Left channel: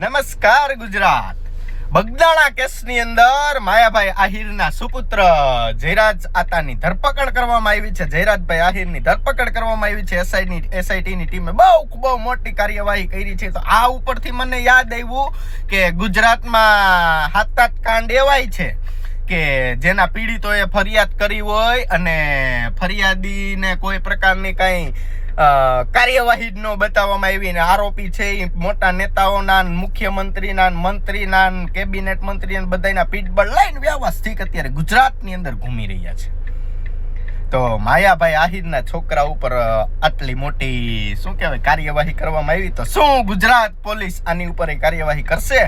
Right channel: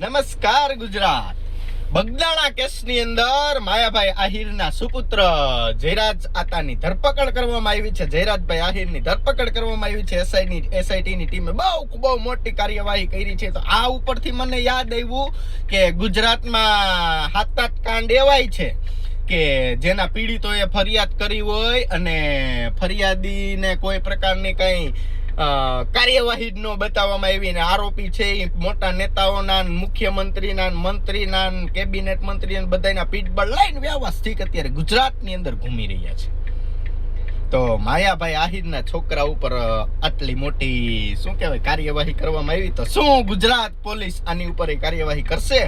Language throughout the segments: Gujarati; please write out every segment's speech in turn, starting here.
નમસ્કાર ગુજરાત. બગદાણા કેસની અંદર માયાભાઈ આહિરના સુપુત્ર જયરાજ આતાની ધરપકડ કરવામાં આવી છે. જયરાજભાઈ આહિરની ધરપકડ કરવામાં આવી છે. એસઆઈટીની ટીમે બહુ મોટી કાર્યવાહી કરી છે. તો આ ઉપરથી મને યાદ આવ્યું કે ગુજરાતમાં હાથાત કાંડ એવાય છે કે જેના પીડિતોએ ફરિયાદ કરી હોય અને ફરિયાદીને કોઈ પ્રકારની કઈ કાર્યવાહી ન બતાવવામાં આવી ને આરોપી છે એ મોટા નેતાઓના, મુખ્યમંત્રીના, મંત્રીના, કેબિનેટ મંત્રી બધાના પીઠબળ લઈને વ્યવસ્થિત અત્યારે ગુજરાતની અંદર ઘૂમી રહ્યા છે. તો માયાભાઈ આહિરના છોકરા ઉપર આટલી મોટી શું કહેવાય કાર્યવાહી કરવામાં આવી, તો શું ગુજરાત પોલીસ આની ઉપર કાર્યવાહી કરશે?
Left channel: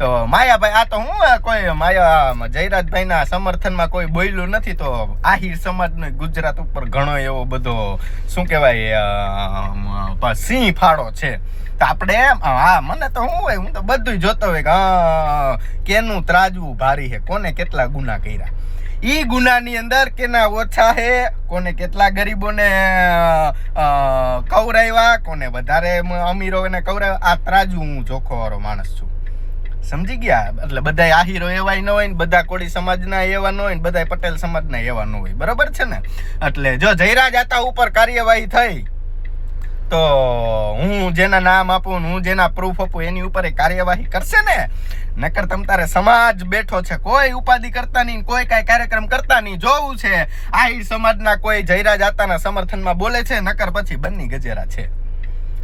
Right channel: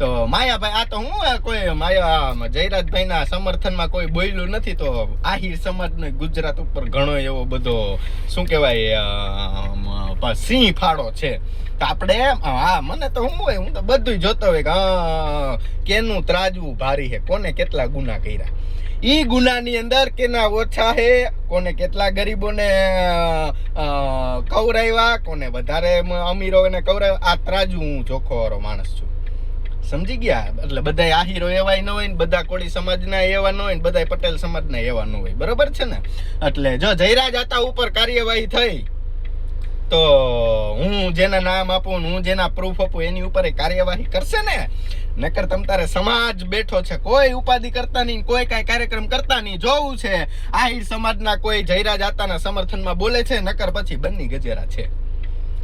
તો માયાભાઈ આ તો હું કોઈ માયા જયરાજભાઈના સમર્થનમાં કોઈ બોલ્યું નથી. તો આહિર સમાજનો ગુજરાત ઉપર ઘણો એવો બધો શું કહેવાય સિંહ ફાળો છે. તો આપણે મને તો હું તો બધું જોતો હોય કે કેનું ત્રાજવું ભારી છે, કોને કેટલા ગુના કર્યા, ઈ ગુનાની અંદર કેના ઓછા હે, કોને કેટલા ગરીબોને કવરાવ્યા, કોને વધારે અમીરોને કવરાવ્યા, આ ત્રાજવું હું જોખોવાળો માણસ છું. સમજી ગયા? એટલે બધા આહીરો એવાય ન હોય ને બધા કોળી સમાજના એવા ન હોય ને બધા પટેલ સમાજના એવા ન હોય. બરોબર છે ને? એટલે જો જયરાજ આતા ઉપર કાર્યવાહી થઈ તો હું જેના નામ આપું, હું જેના પ્રૂફ આપું એની ઉપર કાર્યવાહી કરશે ને. નકર તમ તારે સમાજ બેઠો છે, કોઈ ઉપાધિ કરતા નહીં, કોઈ કઈ કાર્યક્રમ કરતા નહીં. જોવું છે આહીર સમાજના કોઈ જયરાજ આતાના સમર્થનમાં બોલે છે, નકર પછી બન્ની ગજેરા છે.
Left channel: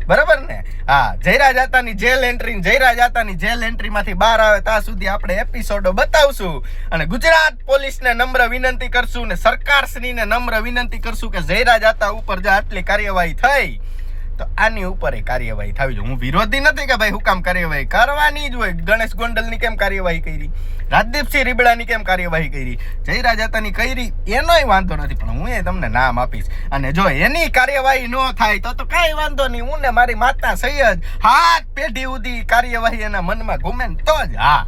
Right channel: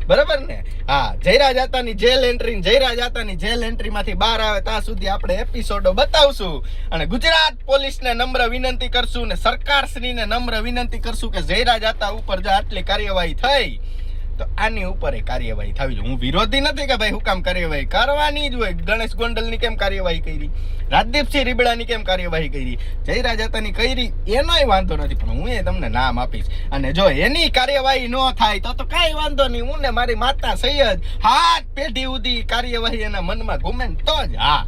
બરાબર ને? હા, જયરાજ આતાની જેલ એન્ટ્રી, જયરાજ આતાની જેલ એન્ટ્રીમાંથી બહાર આવે ત્યાં સુધી આપણે એપિસોડો બતાવશું અને ગુજરાત પોલીસને નમ્ર વિનંતી કરશું ને સરકારશ્રીને નમ્ર વિનંતી કરશું કે જયરાજ આતા ઉપર જો આટલી કાર્યવાહી થઈ તો આની ઉપર કાર્યવાહી થવી જોઈએ. હું વિરોધી નથી કે ભાઈ હું કામ કાર્યવાહી કરવાની જ હોય. ગણેશ ગોંડલની કેમ કાર્યવાહી કરી, રાજદીપસિંહ રીબડાની કેમ કાર્યવાહી કરી, જયરાજ આતાની કરી, એનોય વાંધો નથી, પણ હું એ તમને નામ આપીશ. અને જો એની કાર્યવાહી ન થાય તો કઈ વાંધો નહીં. હું ને મારી માતા સૈયદ હાથ પેઢી સુધી કાર્યવાહી એના મનમાં ઘૂમે ને તો જ. હા,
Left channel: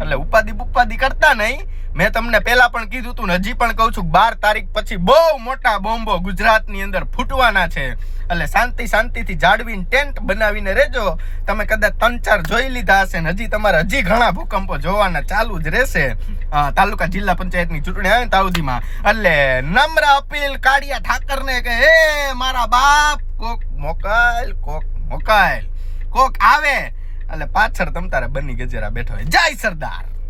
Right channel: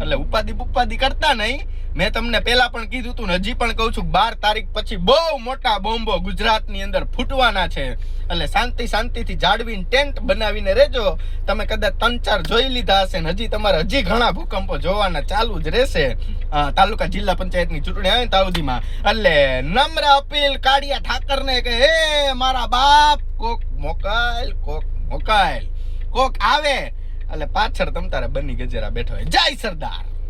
એટલે ઉપાધિ કરતા નહીં. મેં તમને પહેલા પણ કીધું હતું ને હજી પણ કહું છું, 12 તારીખ પછી બહુ મોટા બોમ્બો ગુજરાતની અંદર ફૂટવાના છે. એટલે શાંતિથી જાળવીને ટેન્ટ બનાવીને રહેજો. તમે કદાચ 3-4 જોઈ લીધા હશે ને હજી તમારે ઘણા ભૂકંપો જોવાના ચાલુ જ રહેશે. તાલુકા જિલ્લા પંચાયતની ચૂંટણી આવે ને તાઉદીમાં. એટલે નમ્ર અપીલ કાળિયા ઠાકરને કે હે મારા બાપ, કોક મોકલ, કોક આવે એટલે પાછળ તમ તારે બની ગજેરા બેઠો હોય. જય સરદાર.